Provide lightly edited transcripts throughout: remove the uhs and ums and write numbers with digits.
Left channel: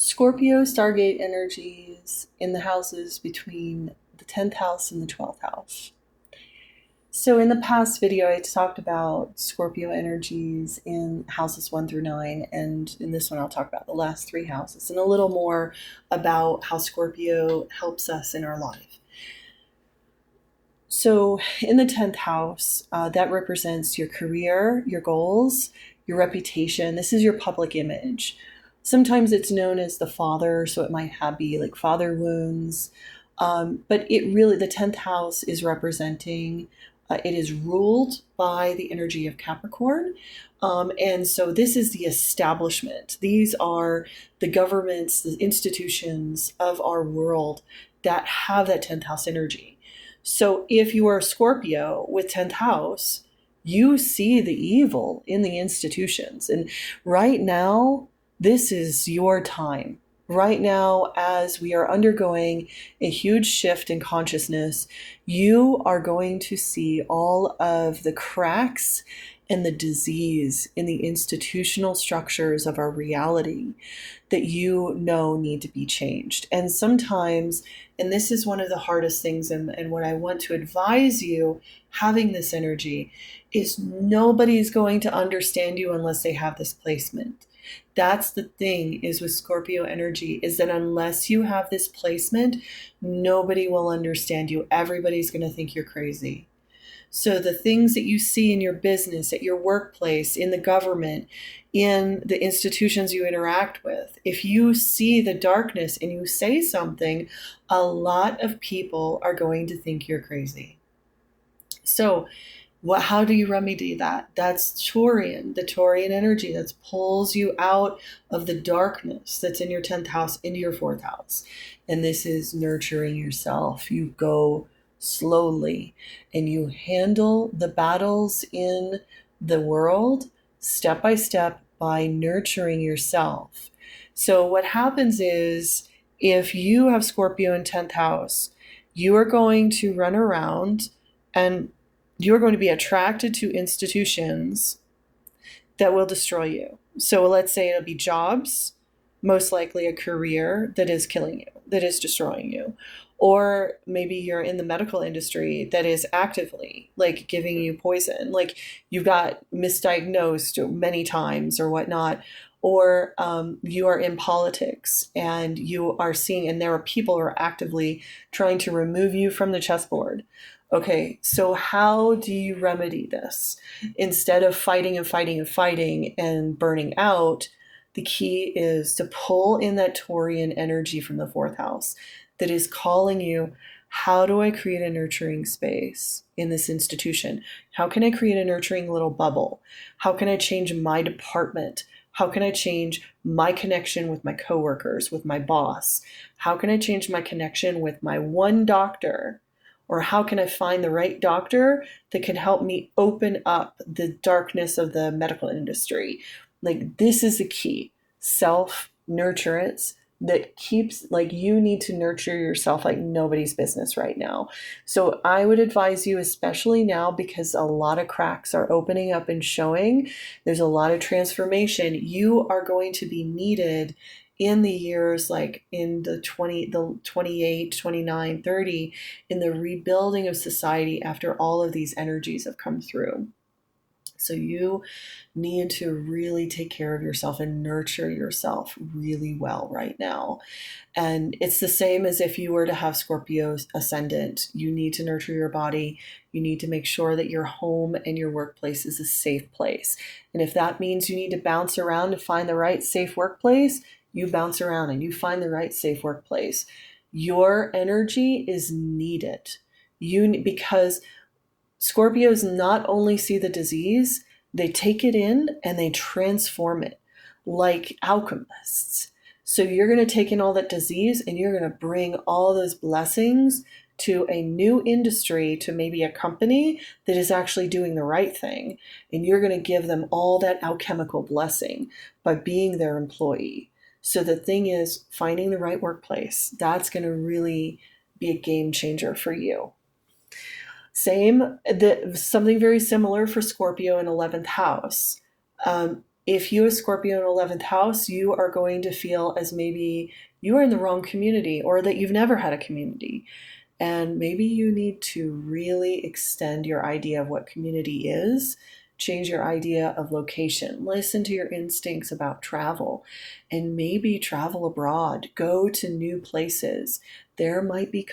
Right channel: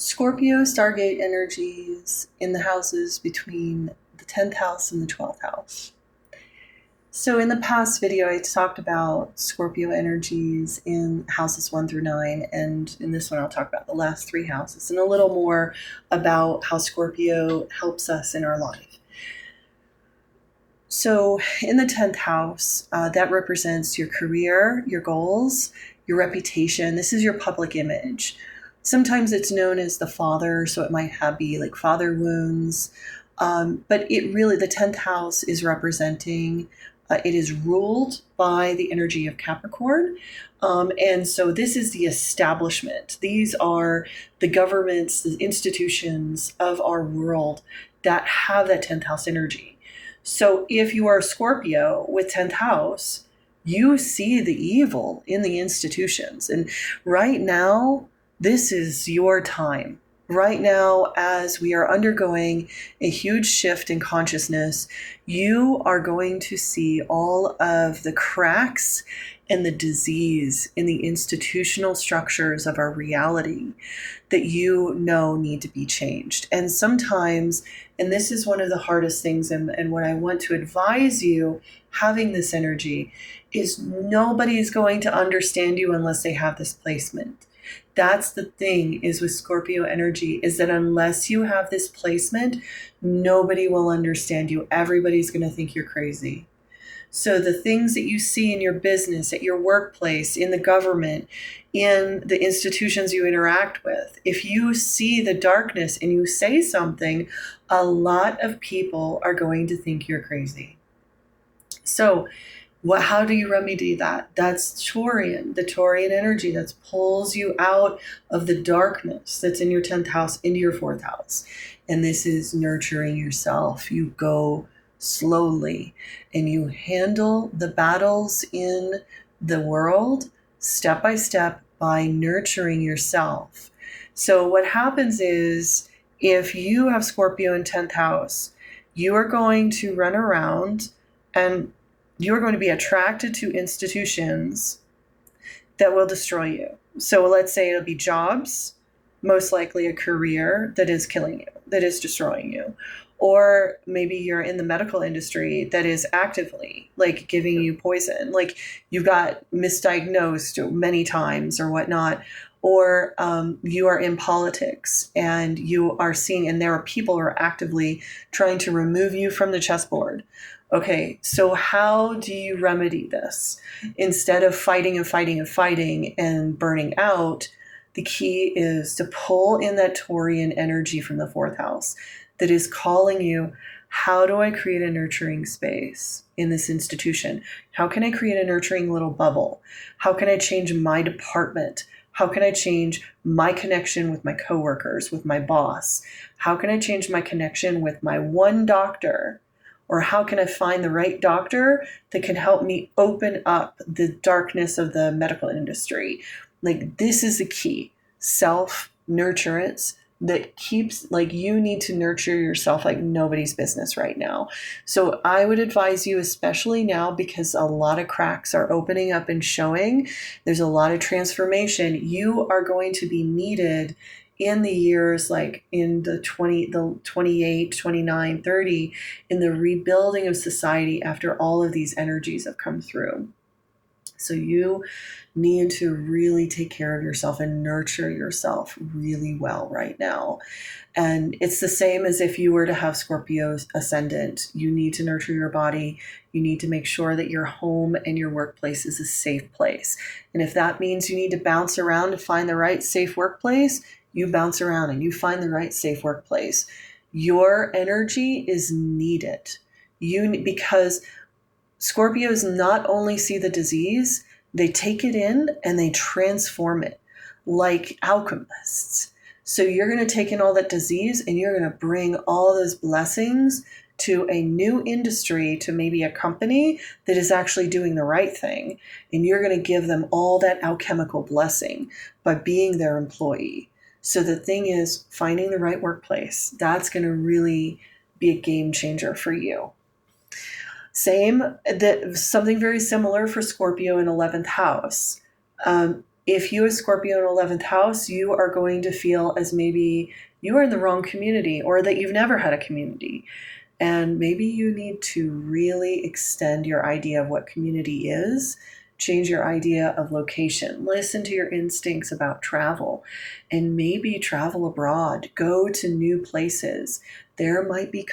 Scorpio Stargate energies in the houses between the 10th house and the 12th house. So, in the past video, I talked about Scorpio energies in houses 1 through 9, and in this one, I'll talk about the last three houses and a little more about how Scorpio helps us in our life. So, in the 10th house, that represents your career, your goals, your reputation. This is your public image. Sometimes it's known as the father, so it might be like father wounds. But it really, the 10th house is representing, it is ruled by the energy of Capricorn. And so this is the establishment. These are the governments, the institutions of our world that have that 10th house energy. So if you are a Scorpio with 10th house, you see the evil in the institutions. And right now, this is your time. Right now, as we are undergoing a huge shift in consciousness, you are going to see all of the cracks and the disease in the institutional structures of our reality that you know need to be changed. And sometimes, and this is one of the hardest things, and what I want to advise you having this energy is nobody's going to understand you unless they have this placement. That's the thing is with Scorpio energy is that unless you have this placement, nobody will understand you. Everybody's going to think you're crazy. So the things that you see in your business, at your workplace, in the government, in the institutions you interact with, if you see the darkness and you say something, a lot of people are going to think you're crazy. So how do you remedy that? That's Taurian, the Taurian energy that pulls you out of the darkness that's in your 10th house into your 4th house. And this is nurturing yourself. You go slowly and you handle the battles in the world step by step by nurturing yourself. So what happens is if you have Scorpio in 10th house, you are going to run around and you're going to be attracted to institutions that will destroy you. So let's say it'll be jobs, most likely a career that is killing you, that is destroying you. Or maybe you're in the medical industry that is actively like giving you poison, like you got misdiagnosed many times or whatnot. Or you are in politics and you are seeing, and there are people who are actively trying to remove you from the chessboard. Okay, so how do you remedy this? Instead of fighting and fighting and fighting and burning out, the key is to pull in that Taurian energy from the 4th house that is calling you, how do I create a nurturing space in this institution? How can I create a nurturing little bubble? How can I change my department? How can I change my connection with my coworkers, with my boss? How can I change my connection with my one doctor? Or how can I find the right doctor that can help me open up the darkness of the medical industry? Like, this is the key. Self-nurturance that keeps, like, you need to nurture yourself like nobody's business right now. So I would advise you, especially now, because a lot of cracks are opening up and showing. There's a lot of transformation. You are going to be needed in the years like in the 28, 29, 30, in the rebuilding of society after all of these energies have come through. So you need to really take care of yourself and nurture yourself really well right now. And it's the same as if you were to have Scorpio ascendant. You need to nurture your body. You need to make sure that your home and your workplace is a safe place. And if that means you need to bounce around to find the right safe workplace, you bounce around and you find the right safe workplace. Your energy is needed. Because Scorpios not only see the disease, they take it in and they transform it like alchemists. So you're going to take in all that disease and you're going to bring all those blessings to a new industry, to maybe a company that is actually doing the right thing. And you're going to give them all that alchemical blessing by being their employee. So the thing is, finding the right workplace, that's going to really be a game changer for you. Something very similar for Scorpio in 11th house. If you, a Scorpio in 11th house, you are going to feel as maybe you are in the wrong community or that you've never had a community. And maybe you need to really extend your idea of what community is, change your idea of location, listen to your instincts about travel, and maybe travel abroad, go to new places. There might be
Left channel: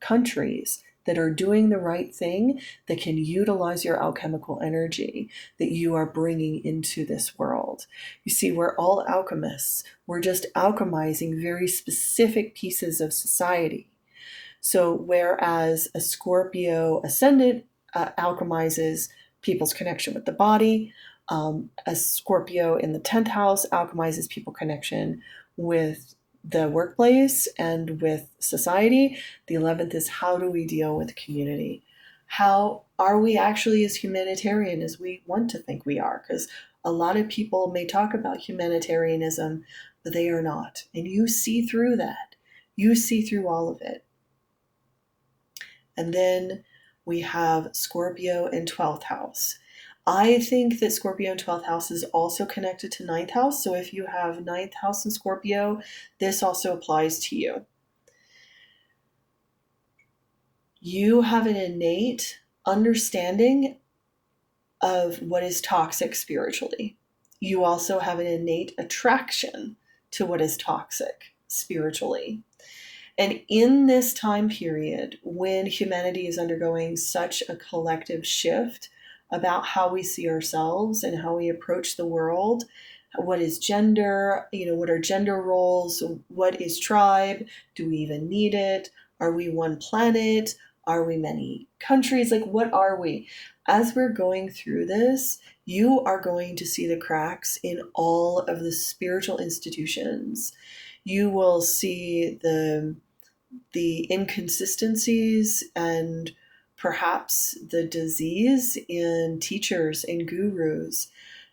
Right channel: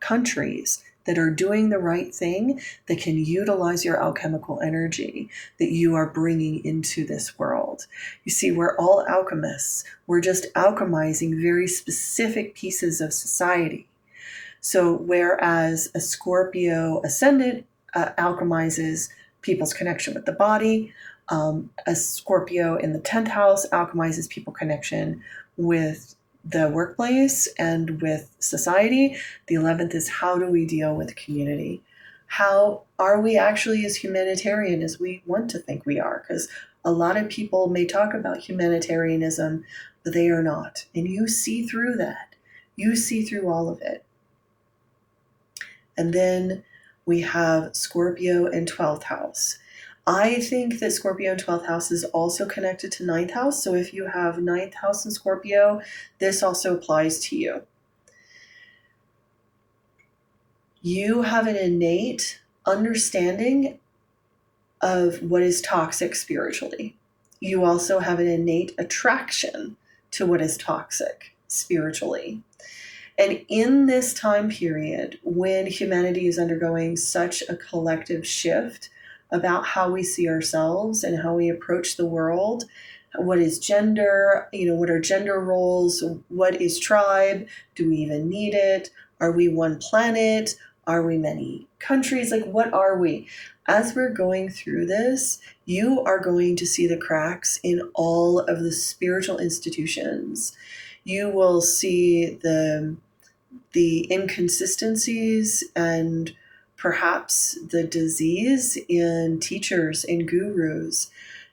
countries that are doing the right thing that can utilize your alchemical energy that you are bringing into this world. You see, we're all alchemists. We're just alchemizing very specific pieces of society. So whereas a Scorpio ascendant alchemizes people's connection with the body, a Scorpio in the 10th house alchemizes people's connection with the workplace and with society. The 11th is, how do we deal with community? How are we actually as humanitarian as we want to think we are? Because a lot of people may talk about humanitarianism, but they are not. And you see through that. You see through all of it. And then we have Scorpio in 12th house. I think that Scorpio in 12th house is also connected to 9th house. So if you have 9th house in Scorpio, this also applies to you. You have an innate understanding of what is toxic spiritually. You also have an innate attraction to what is toxic spiritually. And in this time period, when humanity is undergoing such a collective shift about how we see ourselves and how we approach the world, what is gender, what are gender roles, what is tribe, do we even need it, are we one planet, are we many countries, like what are we? As we're going through this, you are going to see the cracks in all of the spiritual institutions. You will see the inconsistencies and perhaps the disease in teachers and gurus.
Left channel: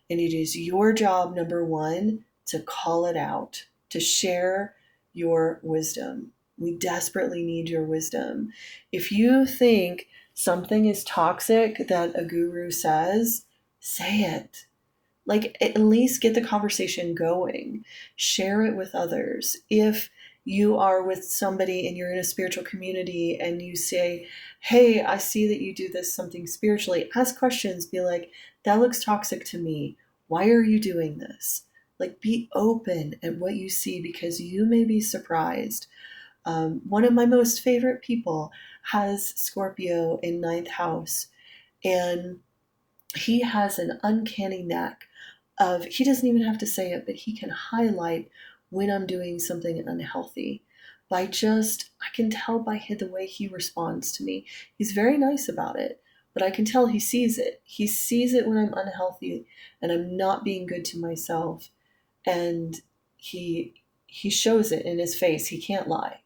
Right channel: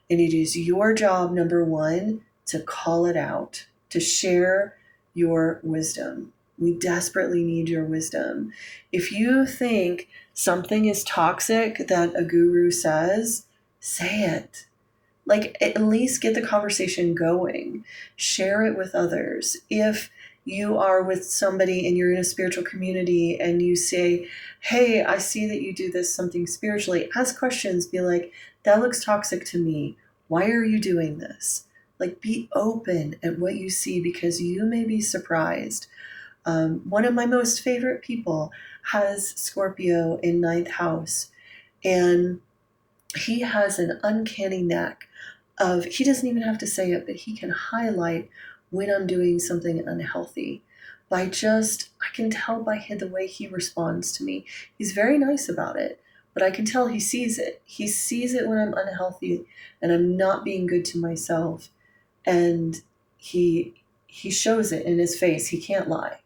And it is your job, number one, to call it out, to share your wisdom. We desperately need your wisdom. If you think something is toxic that a guru says, say it. Like, at least get the conversation going. Share it with others. If you are with somebody and you're in a spiritual community and you say, hey, I see that you do this something spiritually, ask questions. Be like, that looks toxic to me. Why are you doing this? Like, be open at what you see, because you may be surprised. One of my most favorite people has Scorpio in 9th house, and he has an uncanny knack of, he doesn't even have to say it, but he can highlight when I'm doing something unhealthy by just, I can tell by the way he responds to me. He's very nice about it, but I can tell he sees it. He sees it when I'm unhealthy and I'm not being good to myself. And he shows it in his face. He can't lie.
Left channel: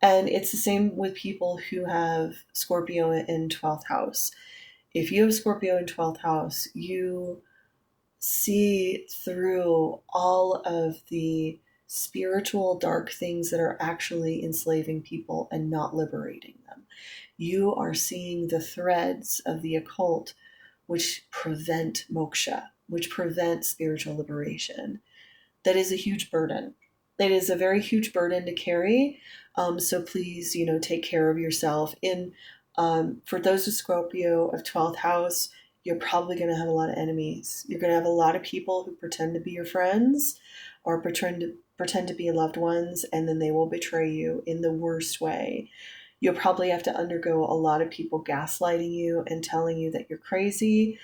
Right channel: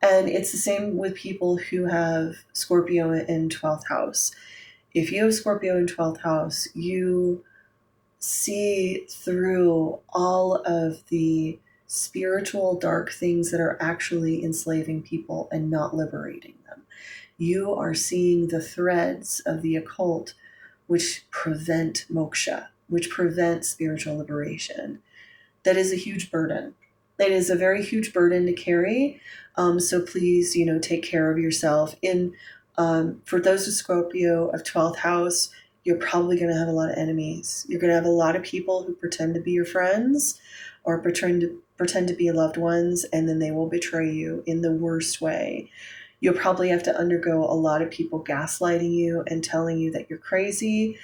And it's the same with people who have Scorpio in 12th house. If you have Scorpio in 12th house, you see through all of the spiritual dark things that are actually enslaving people and not liberating them. You are seeing the threads of the occult which prevent moksha, which prevent spiritual liberation. That is a huge burden. It is a very huge burden to carry. So please, take care of yourself. For those of Scorpio of 12th house, you're probably going to have a lot of enemies. You're going to have a lot of people who pretend to be your friends or pretend to be loved ones, and then they will betray you in the worst way. You'll probably have to undergo a lot of people gaslighting you and telling you that you're crazy.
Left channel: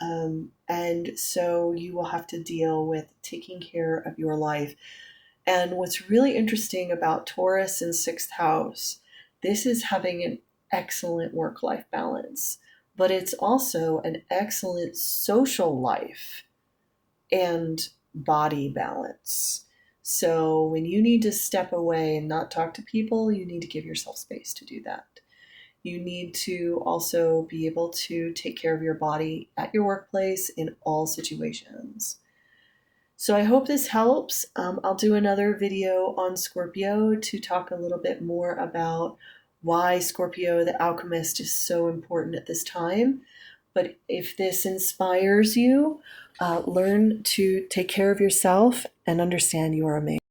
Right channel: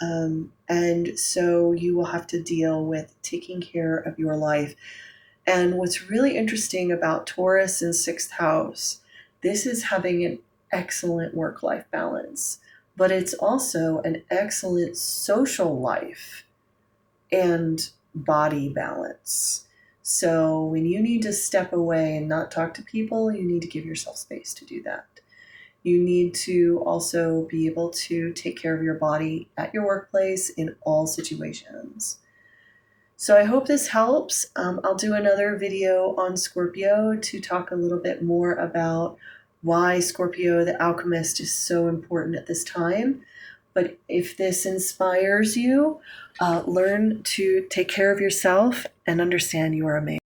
And so you will have to deal with taking care of your life. And what's really interesting about Taurus in 6th house, this is having an excellent work-life balance, but it's also an excellent social life and body balance. So when you need to step away and not talk to people, you need to give yourself space to do that. You need to also be able to take care of your body at your workplace in all situations. So I hope this helps. I'll do another video on Scorpio to talk a little bit more about why Scorpio the Alchemist is so important at this time. But if this inspires you, learn to take care of yourself and understand you are amazing.